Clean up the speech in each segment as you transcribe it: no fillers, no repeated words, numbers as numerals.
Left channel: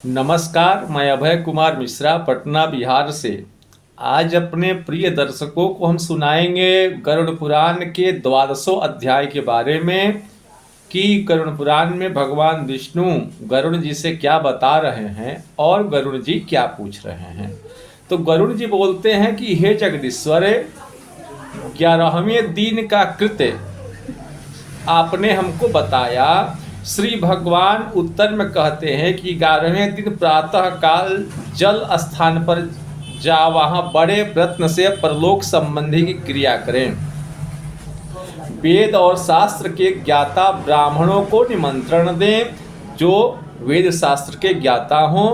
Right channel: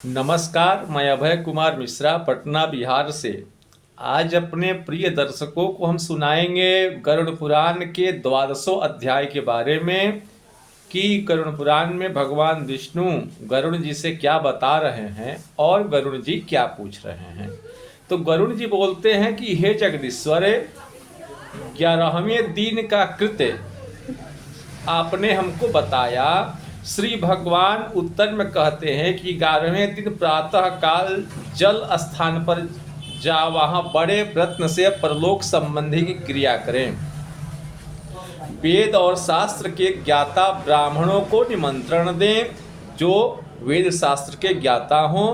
नमस्कार, मैं अभय कुमार मिश्रा पटना बिहार से। आज अपने प्रिय दर्शकों को हम सुनाएंगे गरुड़ पुराण के 12वें अध्याय के बारे में कि गरुड़ पुराण में भगवान विष्णु गरुड़ जी से क्या बता रहे हैं और गरुड़ जी क्या पूछ रहे हैं। तो गरुड़ जी बोलते हैं कि हे जगदीश्वर, 11वें दिन का कृत्य आपने हमको बताया। श्री भगवान उत्तर में कहते हैं कि 11वें दिन प्रातः काल जल स्थान पर जा वहां बड़े प्रयत्न से परलोक संबंधी की क्रिया करें। वेद और शास्त्र के ज्ञाता ब्राह्मणों को निमंत्रण दें जो वेद शास्त्र के ज्ञाता हों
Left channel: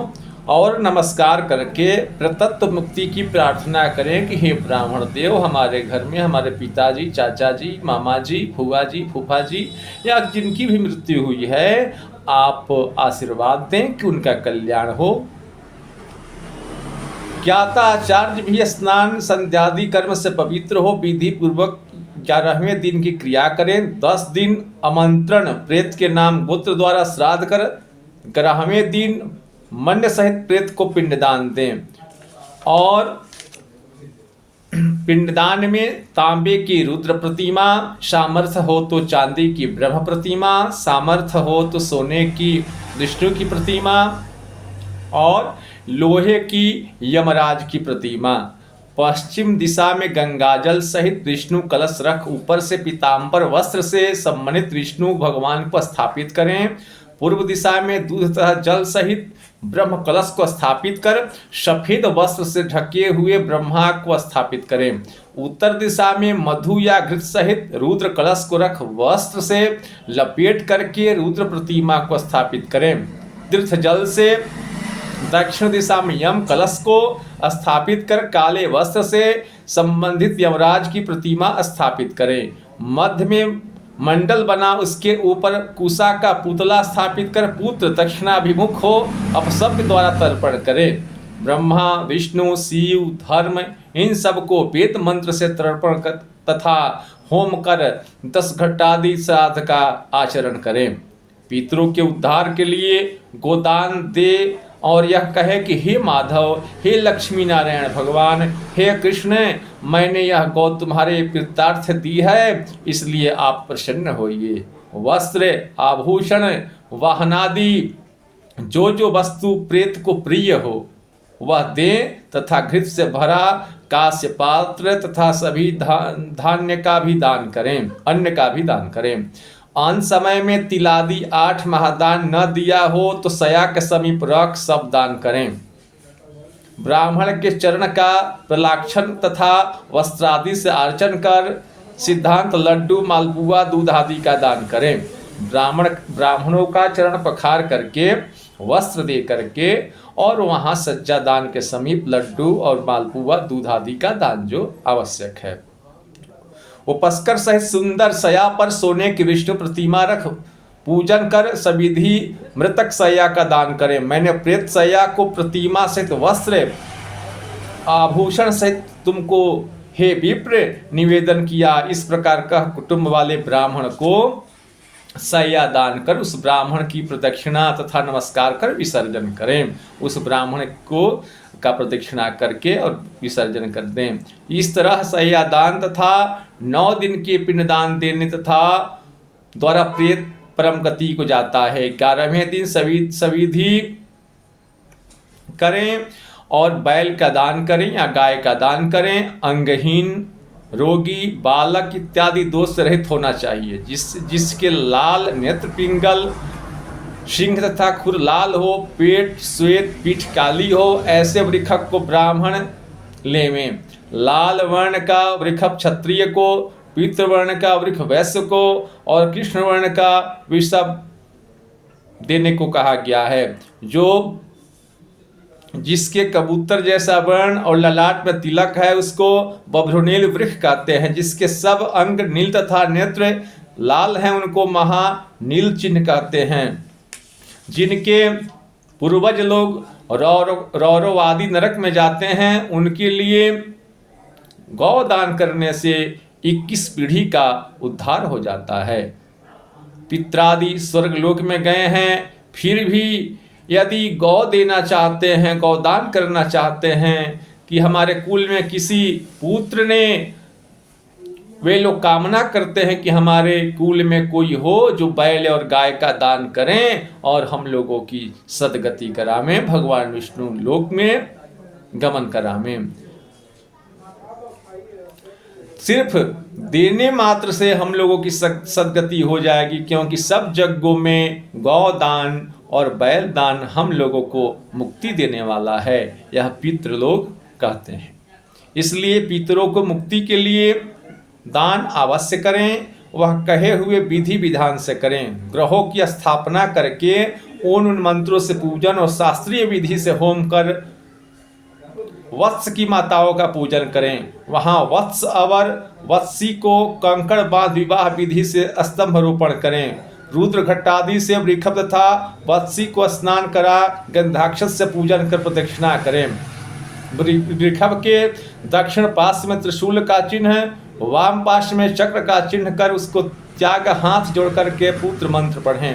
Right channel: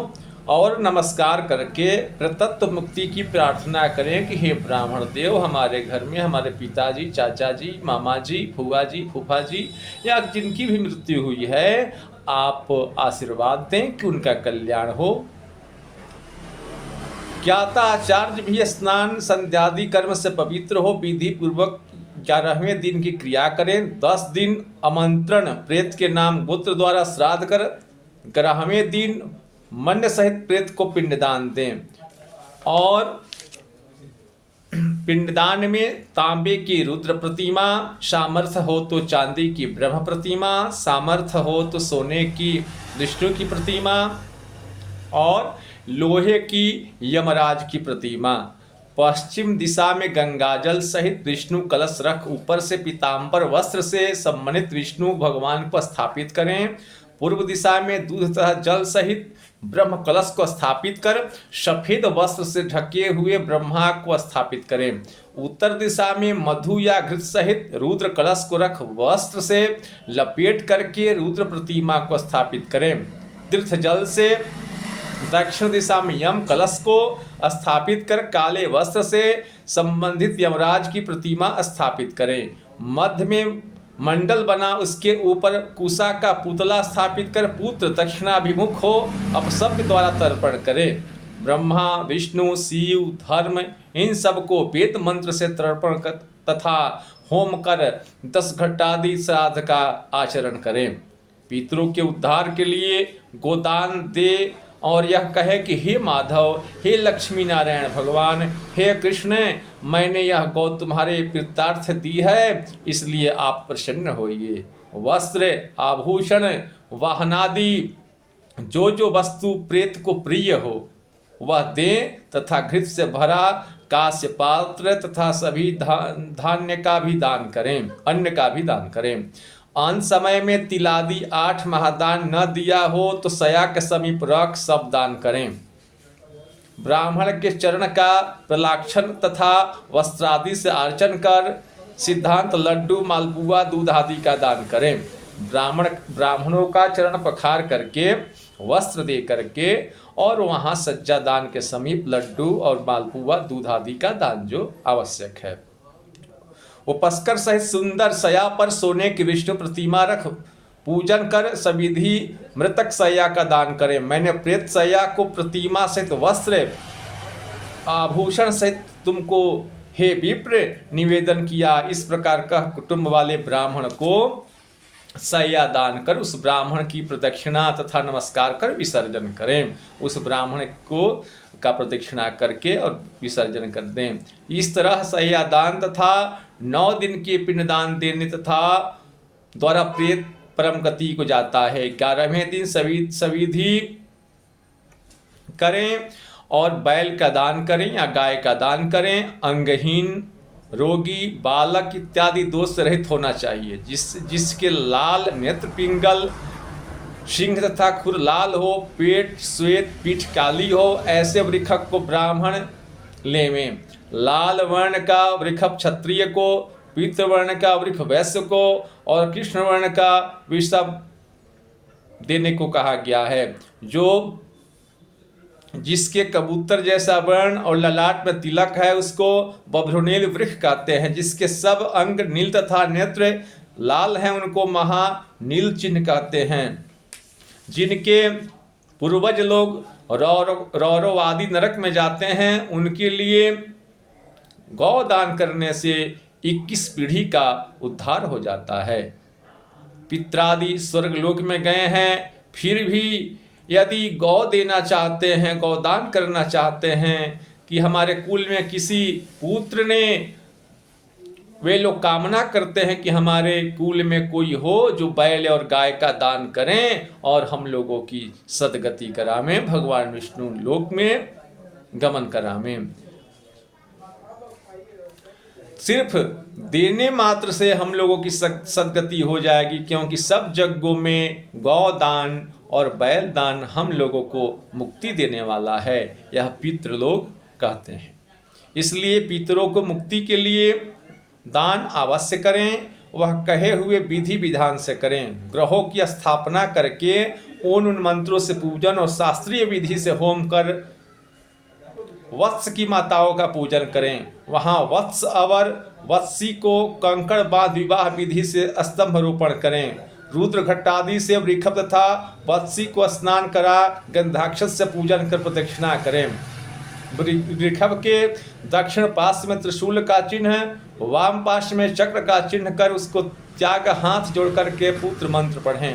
और नमस्कार करके प्रतत्व मुक्ति की प्रार्थना करें कि हे ब्राह्मण देव, हमारे घर में हमारे पिताजी, चाचा जी, मामा जी, फूफा जी, फूफा जी या जिनकी भी मृत्यु हुई है, आप आशीर्वाद दें कि उनका कल्याण हो। ज्ञाता आचार्य भी स्नान संध्यादि कर्म से पवित्र हो विधि पूर्वक 11वें दिन की क्रिया करें। 10 दिन आमंत्रण प्रेत के नाम गोत्र द्वारा श्राद्ध कर 11वें दिन मंड सहित प्रेत को पिंडदान दें और पिंडदान में तांबे की रुद्र प्रतिमा, सामर्थ्य हो तो चांदी की ब्रह्म प्रतिमा, सामर्थ्य हो तो सोने की विष्णु की प्रतिमा और लोहे की यमराज की प्रतिमा। पश्चिम दिशा में गंगाजल सहित विष्णु कलश रख ऊपर से पीतांबर वस्त्र से सम्मानित विष्णु भगवान को स्थापित करें। पूर्व दिशा में दूध तथा जल सहित ब्रह्म कलश को स्थापित कर सफेद वस्त्र से ढके हुए ब्रह्मा को स्थापित करें। उत्तर दिशा में मधु या घृत सहित रुद्र कलश को रख वस्त्र से लपेट करके रुद्र प्रतिमा को स्थापित करें। तीर्थ जल से दक्षिण दिशा में यम कलश को स्थापित कर काले वस्त्र से संबंधित यमराज की प्रतिमा स्थापित करें। मध्य में मंडल बना उसके ऊपर कुशा का पुतला स्थापित कर पुत्र दक्षिणाभिमुख हो अपशब्द द्वारा तर्पण करें। ब्रह्मा, विष्णु, शिव, धर्म इन सबको वेद मंत्र से तर्पण कर तथा होम कर 10 घटादि श्राद्ध का आचरण करें। पितरों के उद्धार के लिए गोदान दे और यह कहे कि हे माधव, हे लक्ष्मी नारायण भगवान, हे कृष्ण, मैंने यह गौ तुम्हारे प्रीतार्थ दी है, इसलिए आप प्रसन्न होइए। वस्त्र, आभूषण, वाहनादि जो वस्तु प्रेत को प्रिय हो वह दे तथा घृत से भरा कांस्य पात्र तथा सभी धान्य का भी दान करें, अन्न का भी दान करें। अंत समय में तिलादि 8 महादान न दिया हो तो सया के समीप रख सब दान करें। ब्राह्मण के चरण का प्रलाक्षण तथा वस्त्रादि से अर्चन कर सिद्धांत लड्डू, मालपुआ, दूध आदि का दान करें। ब्राह्मणों का चरण पखार करके वस्त्र दे करके और वहां सज्जा दान के समीप लड्डू और मालपुआ, दूध आदि का दान जो आवश्यक है। उपस्कर सहित सुंदर सया पर सोने की विष्णु प्रतिमा रख पूजन कर सविधि मृतक सया का दान करें। मैंने प्रेत सया को प्रतिमा सहित वस्त्र, आभूषण सहित तुमको हे विप्र निवेदन किया। इस प्रकार का कुटुंब वाले ब्राह्मण को सया दान कर उस ब्राह्मण की प्रदक्षिणा तथा नमस्कार कर विसर्जन करें। उस ब्राह्मण को का प्रदक्षिणा करके और विसर्जन कर दें। इस तरह सया दान तथा 9 दिन के पिंडदान देने तथा द्वारा प्रेत परम गति को जाता है। 11वें दिन सविधि करें और बैल का दान करें या गाय का दान करें। अंगहीन, रोगी, बालक इत्यादि दोष रहित होना चाहिए। जिसके लाल नेत्र पिंगल, सिंह तथा खुर लाल हो, पेट श्वेत, पीठ काली हो, ऐसे वृखक को ब्राह्मण लेवें। लाल वर्ण का वृखक क्षत्रिय को, पीत वर्ण का वृक्ष वैश्य को और कृष्ण वर्ण का वृषभ देने को कहा गया है। जिसके कबूतर जैसा वर्ण और ललाट में तिलक है उसको बभ्रुनील वृक्ष कहते हैं। जिसके सब अंग नील तथा नेत्र लाल हैं उनको महानील चिन्ह कहते हैं। जिनके पूर्वज लोग रौरवादी नरक में जाते हैं उनके लिए गौ दान करने से 21 पीढ़ी का उद्धार हो जाता है। पित्रादि स्वर्ग लोक में गए हैं फिर भी यदि गौ देना चाहते हैं, गौदान करना चाहते हैं कि हमारे कुल में किसी पुत्र ने, वे लोग कामना करते हैं कि हमारे कुल में कोई हो जो बैल और गाय का दान करें और हम लोगों की सदगति करावें, भगवान विष्णु लोक में गमन करावें। सिर्फ देने मात्र से हम लोगों की सदगति हो जाएगी, क्योंकि सब यज्ञों में गौदान और बैल दान हम लोगों को मुक्ति देने वाला है, यह पितृलोक कहते हैं। इसलिए पितरों को मुक्ति के लिए दान अवश्य करें, वह कहे हुए विधि विधान से करें। ग्रहों की स्थापना करके उन मंत्रों से पूजन और शास्त्रीय विधि से होम कर वत्स की माताओं का पूजन करें। वहां वत्स अवर वत्सी को कंकड़ बांध विवाह विधि से स्तंभारोपण करें। रुद्र घट्टादि से वृषभ तथा वत्सी को स्नान करा गंधाक्षस से पूजन कर प्रदक्षिणा करें। वृषभ के दक्षिण पार्श्व में त्रिशूल का चिन्ह, वाम पार्श्व में चक्र का चिन्ह कर उसको त्याग हाथ जोड़ करके पुत्र मंत्र पढ़ें।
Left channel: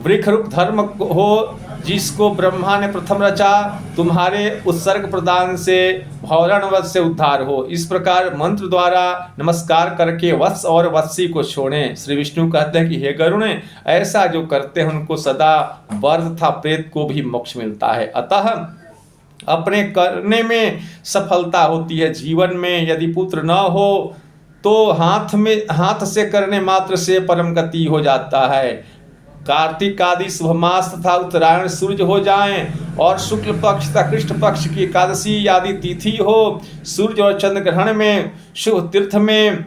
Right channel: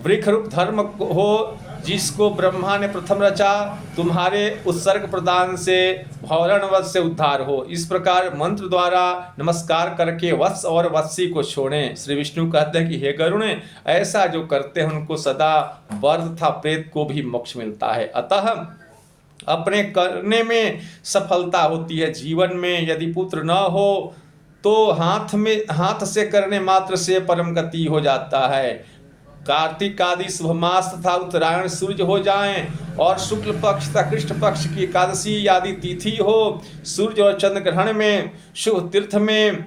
वृक्ष रूप धर्म हो जिसको ब्रह्मा ने प्रथम रचा, तुम्हारे उत्सर्ग प्रदान से भौरणवध से उद्धार हो। इस प्रकार मंत्र द्वारा नमस्कार करके वत्स और वत्सी को छोड़ें। श्री विष्णु कहते हैं कि हे गरुण, ऐसा जो करते हैं उनको सदा वर तथा प्रेत को भी मोक्ष मिलता है। अतः अपने करने में सफलता होती है। जीवन में यदि पुत्र न हो तो हाथ से करने मात्र से परम गति हो जाता है। कार्तिक आदि शुभ मास तथा उत्तरायण सूर्य हो जाएं और शुक्ल पक्ष तथा कृष्ण पक्ष की एकादशी आदि तिथि हो, सूर्य और चंद्र ग्रहण में, शुभ तीर्थ में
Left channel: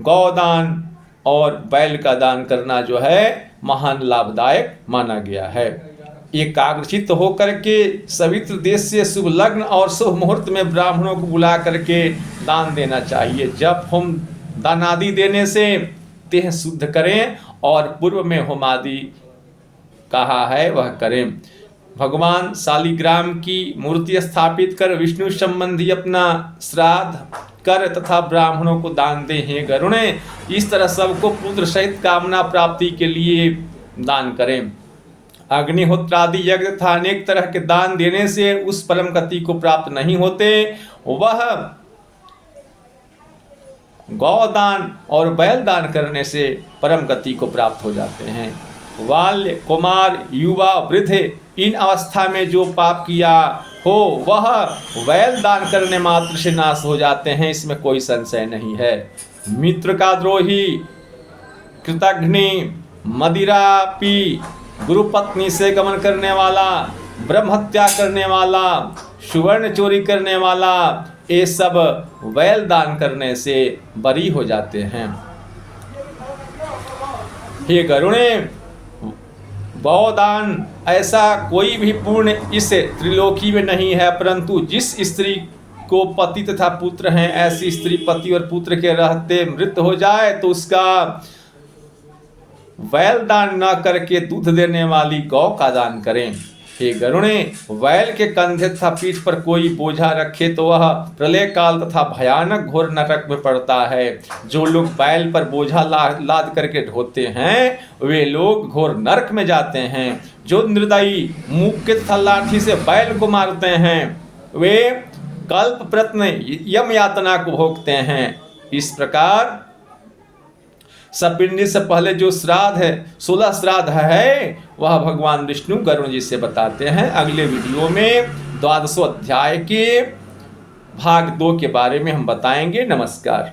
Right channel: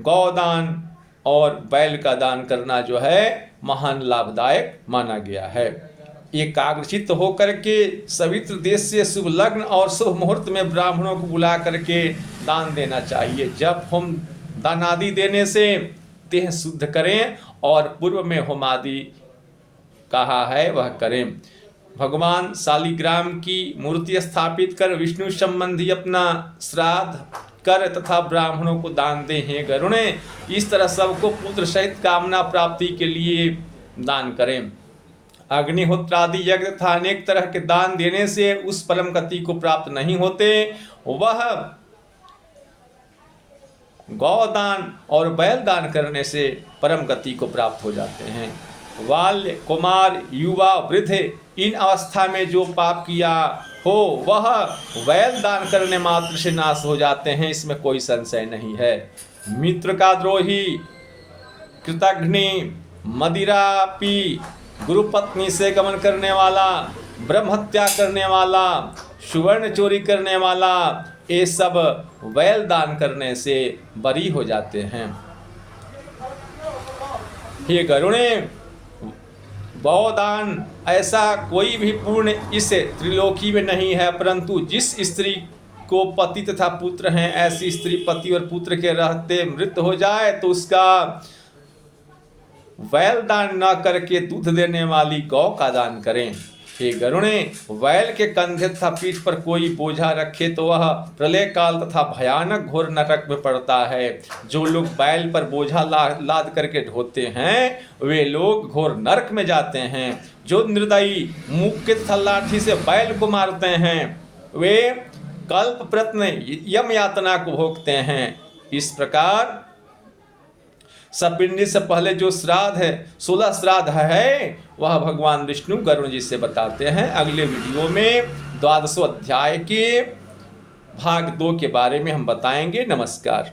गौदान और बैल का दान करना जो है महान लाभदायक माना गया है। एकाग्रचित्त होकर के सवित्र देश से शुभ लग्न और शुभ मुहूर्त में ब्राह्मणों को बुला करके दान देना चाहिए। जब हम दानादि देने से देह शुद्ध करें और पूर्व में होमादि कहा है वह करें। भगवान शालिग्राम की मूर्ति स्थापित कर विष्णु संबंधी अपना श्राद्ध कर तथा ब्राह्मणों को दान दें। हे गरुणे, इस तरह सबको पुत्र सहित कामना प्राप्ति के लिए दान करें। अग्निहोत्रादि यज्ञ तथा अनेक तरह के दान देने से उस परम गति को प्राप्त नहीं होते, वह गौदान और बैल दान करने से परम गति को प्राप्त हो जाते हैं। बाल्य, कुमार, युवा, वृद्ध इन अवस्था में जो पाप किया हो वह बैल दान करने मात्र से नाश हो जाते हैं, इसमें कोई संशय नहीं है। मित्र का द्रोही, कृतघ्नि, मदिरा पी, गुरु पत्नी से गमन करने वाला, ब्रह्म हत्या करने वाला, सुवर्ण चोरी करने वाला, ये सब बैल दान करने से बरी हो जाते हैं। हे गरुणे, गौदान ऐसा कोई भी पुण्य इस त्रिलोकी में नहीं है, परंतु जिस स्त्री को पति तथा पुत्र हैं, ऐसी स्त्री पति और पुत्र के रहते मृत हो जाए तो उसका बैल दान न करके दूध देने वाली गौ का दान करें। हे गरुणे, बैल के कंधे तथा पीठ पर कोई बोझा रखे तो वह प्रलय काल तथा भयानक घोर नरक में पड़ता है। जो लोग बैल पर बोझा लाद करके ढोते हैं वे लोग घोर नरक में जाते हैं। जो निर्दयी मुक्के तथा लाठी से बैल को मारते हैं वे कल्प प्रत्न यम यातना को भोगते हैं। इस प्रकार सपिंडी से पहले जो श्राद्ध है, 16 श्राद्ध है, वह भगवान विष्णु गरुण जी से बताते हैं। अगले वीडियो में 12वें अध्याय के भाग 2 के बारे में हम बताएंगे। नमस्कार।